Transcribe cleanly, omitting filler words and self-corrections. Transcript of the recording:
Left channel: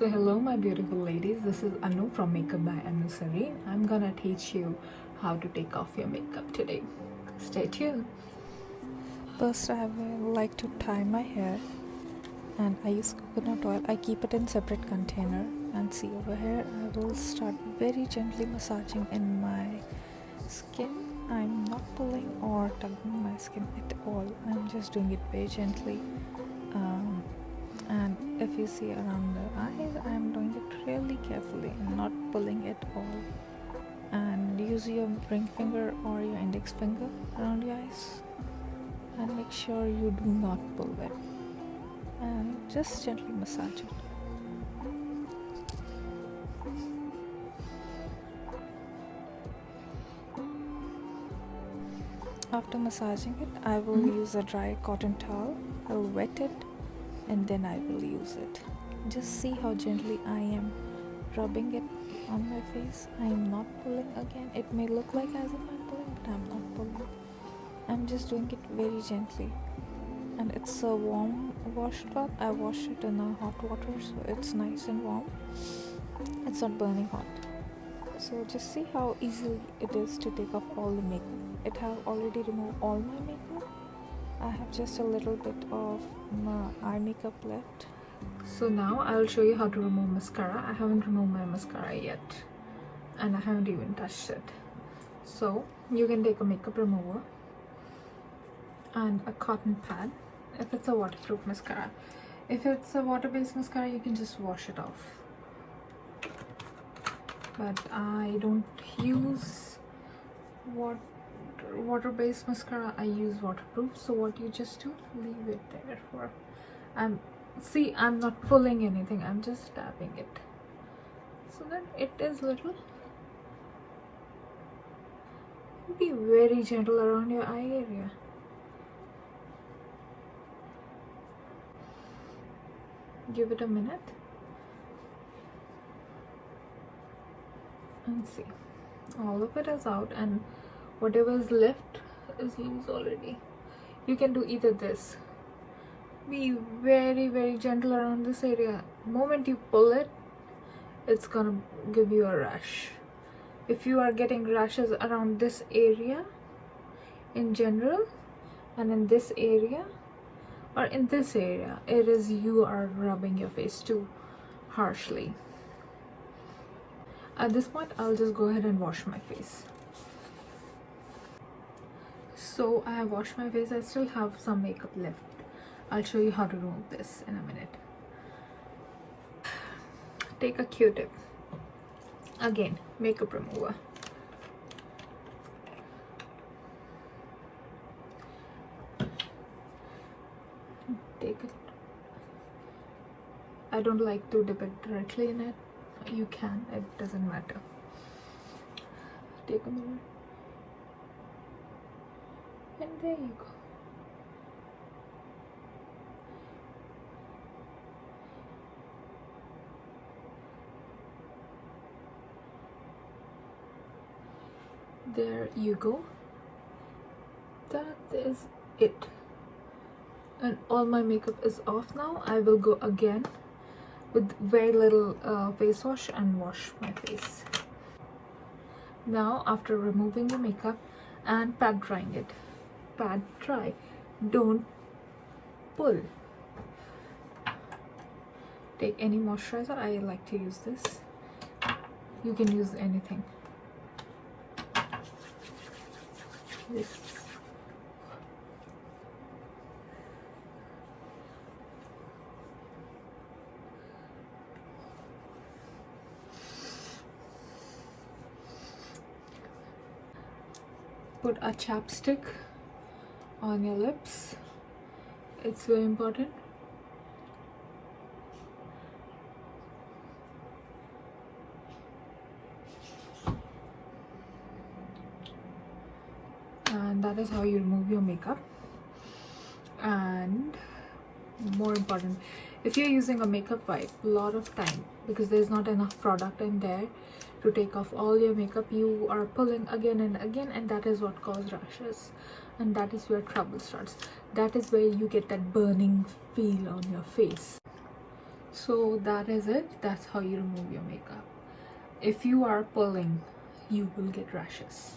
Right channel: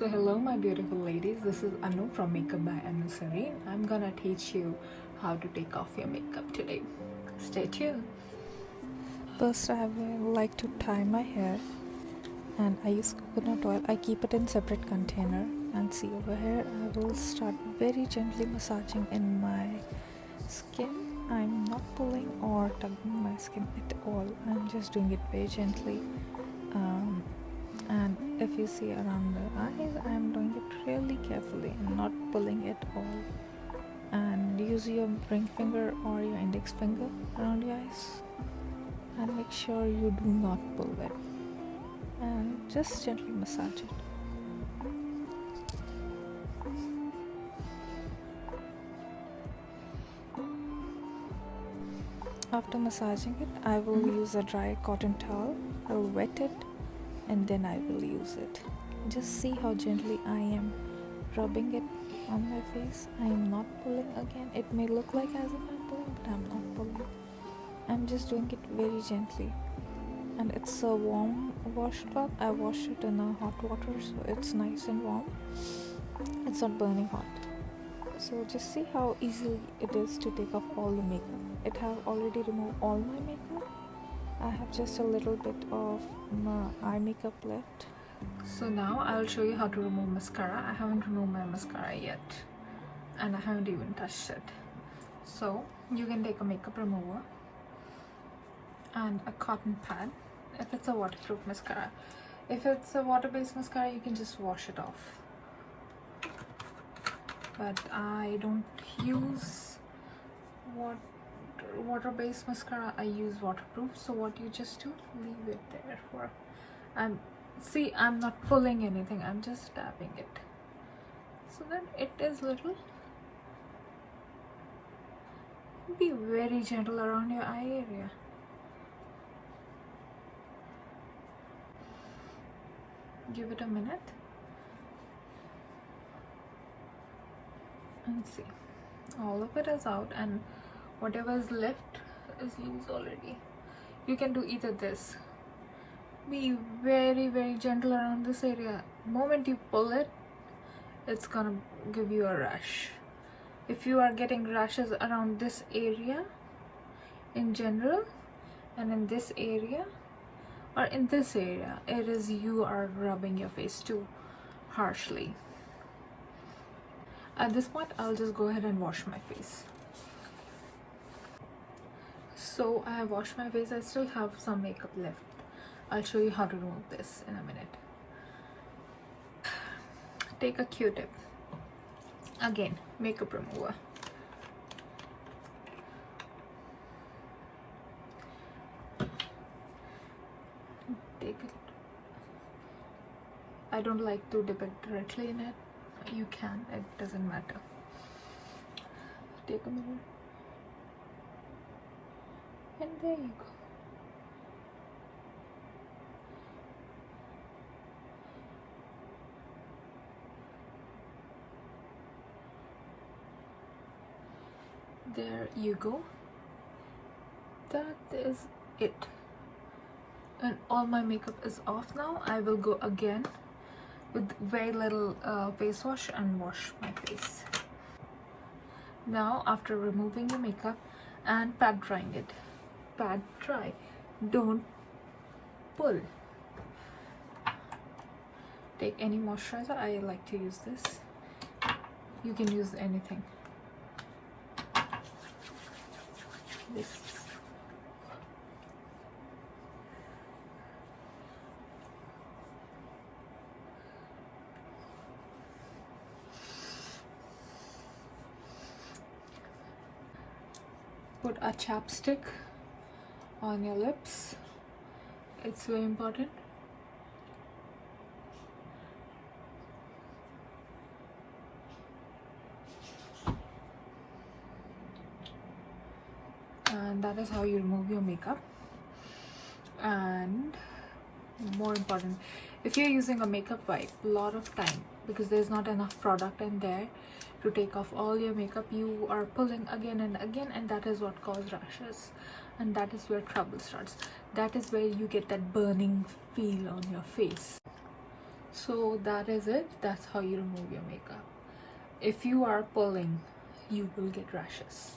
So hello my beautiful ladies, this is Anu from Makeup by Anu. I'm gonna teach you how to take off your makeup today. Stay tuned. First, I will like to tie my hair, and I use coconut oil. I keep it in separate container, and see over here I will start very gently massaging in my skin. I'm not pulling or tugging my skin at all. I'm just doing it very gently. And if you see around the eyes, I'm doing it really carefully and not pulling at all. And use your ring finger or your index finger around your eyes, and make sure you do not pull it, and just gently massage it. After massaging it, I will use a dry cotton towel. I'll wet it and then I will use it. Just see how gently I am rubbing it on my face. I am not pulling again. It may look like as if I'm pulling, but I'm not pulling. I'm just doing it very gently. And it's a warm washcloth. I wash it in a hot water, so it's nice and warm. It's not burning hot. So just see how easy it is to take off all the makeup. It have already removed all my makeup. I have just a little bit of my eye makeup left. So now I'll show you how to remove mascara. I haven't removed my mascara yet, and I haven't even touched it. So you can take a makeup remover and a cotton pad if it's a waterproof mascara. If it's a water-based mascara, you can just wash it off. But I don't use water-based mascara. I use waterproof. So what you just do, leave it there for, and see, I'm not pulling anything, I'm just tapping it so that it is little. Be very gentle around your eye area. Give it a minute and see, all of it is out, and whatever is left is loose already. You can do either this. Be very gentle around this area. The moment you pull it, it's gonna give you a rash. If you are getting rashes around this area in general, and in this area or in this area, it is you are rubbing your face too harshly. At this point, I'll just go ahead and wash my face. So I have washed my face. I still have some makeup left. I'll show you how to remove this in a minute. Take a Q-tip. Again, makeup remover. Take it. I don't like to dip it directly in it. You can, it doesn't matter. Take a moment. And there you go. There you go. That is it. And all my makeup is off now. I will go again with very little face wash and wash my face. Now, after removing your makeup and pat drying it, pat dry, don't pull. Take any moisturizer. I like to use this. You can use anything. This. Put a chapstick on your lips. It's very important. And that is how you remove your makeup. And more important, if you're using a makeup wipe, a lot of time, because there's not enough product in there to take off all your makeup, you are pulling again and again, and that is what causes rashes, and that is where trouble starts. That is where you get that burning feel on your face. So that is it. That's how you remove your makeup. If you are pulling, you will get rashes.